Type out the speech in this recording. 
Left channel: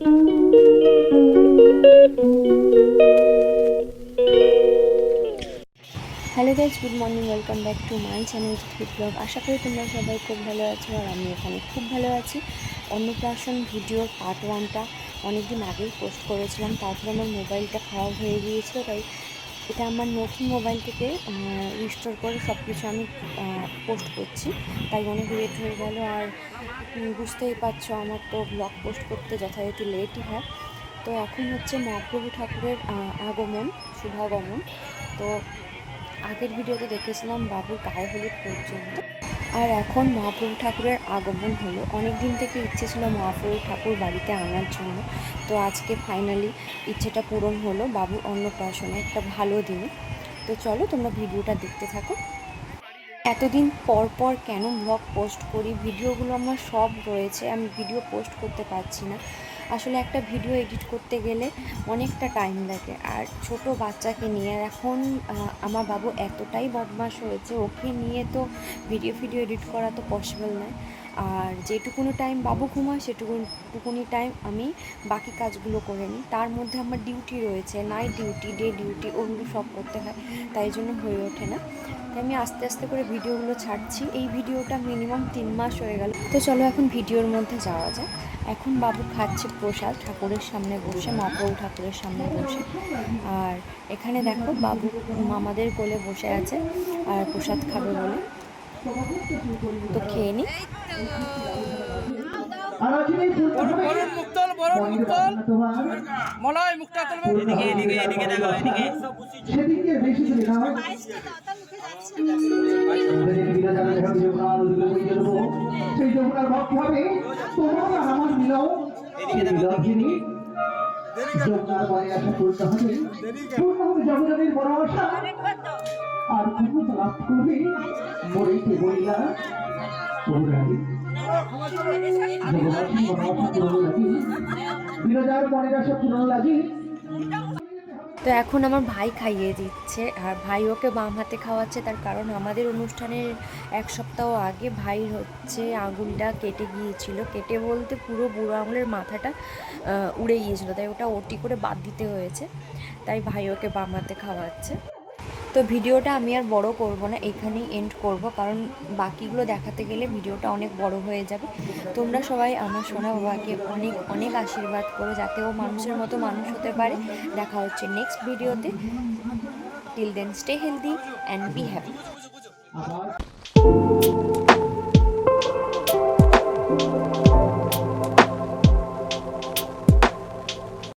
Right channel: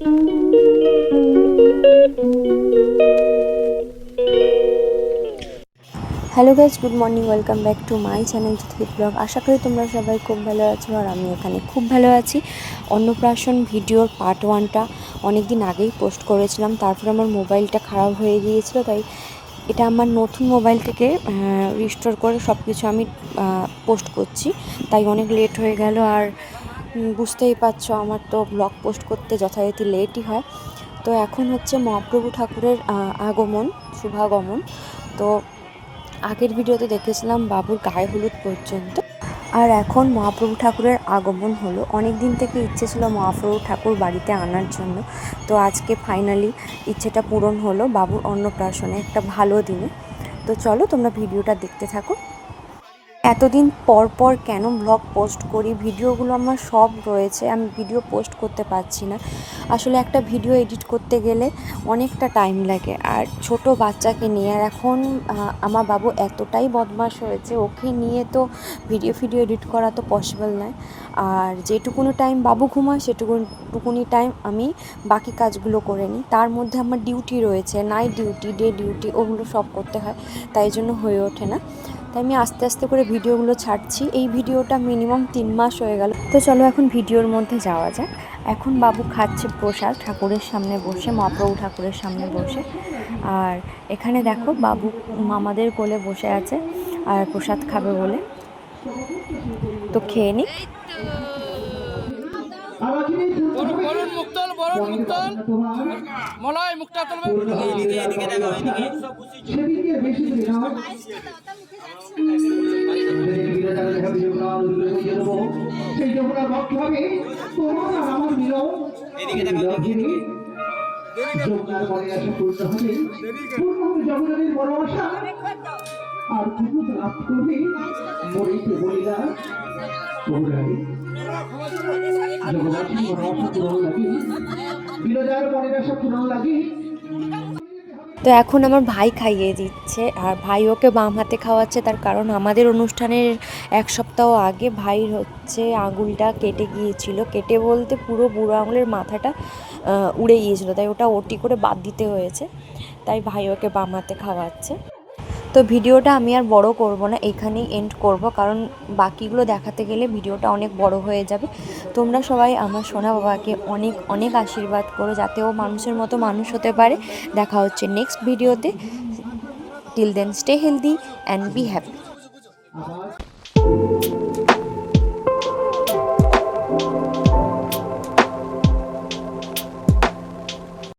Hello guys, good morning, welcome back to my channel Tithi blog. আশা করি তোমরা সবাই খুব ভালো আছো আর আমি এখানে খুব ভালো আছি। অন্নপ্রাশন ভিডিওর পার্ট 1টা অনেক দিন আগেই পোস্ট করেছিলাম, তারপর আমার মোবাইলটা খারাপ হয়ে গিয়েছিল, তাই এটা আমার নতুন মোবাইল থেকে রিস্টোর করে সব কিছু আমি পোস্ট করছি, তাই অনেক লেট হয়ে গেল। আর বুঝতেই পারছো আমার তো ব্লগ পোস্ট করতে যথারীতি লেটই হয়। তো এখন হচ্ছে মহাপ্রভু ঠাকুরের আগমন, শুভাগমন। তো আগের ভিডিওতে দেখেছিলাম বাবুর গায়ে হলুদ পর্যন্ত, আর এখন মহাপ্রভু ঠাকুরের আগমন হলো। অনেক দিন থেকে ইচ্ছে ছিল মহাপ্রভু ঠাকুর বাড়িতে আনার জন্য, তো আজকে ফাইনালি ইচ্ছেটা পূরণ হলো বাবুর অন্নপ্রাশনে, একটা ভালো দিনে। তো চলো তোমরা ভিডিওটা দেখতে থাকো। এতদিন পর পর কেন ব্লগ পোস্ট করি, ভিডিওগুলো আমার সব রয়েছে, আমি ভিডিও পোস্ট করতে পারছি না। আসলে একটা ভিডিও এডিট করতে গেলে অনেকটা টাইম লাগে, আর ছোট বাচ্চাকে নিয়ে, আর এখন আমার বাবু এতটাই বদমাশ হয়েছে, ওকে নিয়ে তো ভিডিও এডিট করা তো পসিবল নয়। আর যেটুকুনি টাইম বাবু ঘুমায় সেটুকুনি টাইম আমি বাকি কাজগুলো করে নিই। তার মধ্যে আমার ডিউটি রয়েছে, নাইট ডিউটি, ডে ডিউটি, ওগুলো সব করতে হয়, তাই জন্য হয়ে ওঠে না। তাই আমি আস্তে আস্তে করে ভিডিওগুলো ছাড়ছি। এই ভিডিওটা মিনিমাম 3 মাস হয়ে গেল। তো চলো এখন ভিডিওর মধ্যে যাওয়া যাক। এখন বাবু খাচ্ছে প্রসাদ ঠাকুরের সামনে বসে, মহাপ্রভু ঠাকুরের সামনে বসে। আর এখানে দেখো বাবু মামাদের কোলে বসে আছে আর প্রসাদ খাবে বলে। তো খেয়ে নি। আর তুমি লাভ করবে মরেতে বলিলা তো এখন আমার ভাই খাইয়ে দিচ্ছে, আর ভাই ওকে বাম হাতে খাওয়াচ্ছে, তার কারণ আমাদের অনুষ্ঠানের 1 সপ্তাহ আগে ভাইয়ের হচ্ছে আঙুলটা কেটে গিয়েছিল। কেটে বলতে পুরো বুড়ো আঙুলের মাথাটা উড়ে গিয়েছিল, তাই ওটা ওটি করে বাদ দিতে হয়েছে, তাই ভাই ওকে বাম হাতে খাওয়াচ্ছে। তো ভিডিওটা আমি আর বড় করব না, এখানেই এন্ড করব, কারণ বাকিগুলো দেখাতে গেলে ভিডিওটা অনেক বড় হয়ে যাবে। তোমরা সবাই আমার সোনা বাবাকে অনেক অনেক আশীর্বাদ করো, যাতে ও মানুষের মতো মানুষ হতে পারে। দেখা হচ্ছে নেক্সট ভিডিওতে। Till then stay healthy and be happy.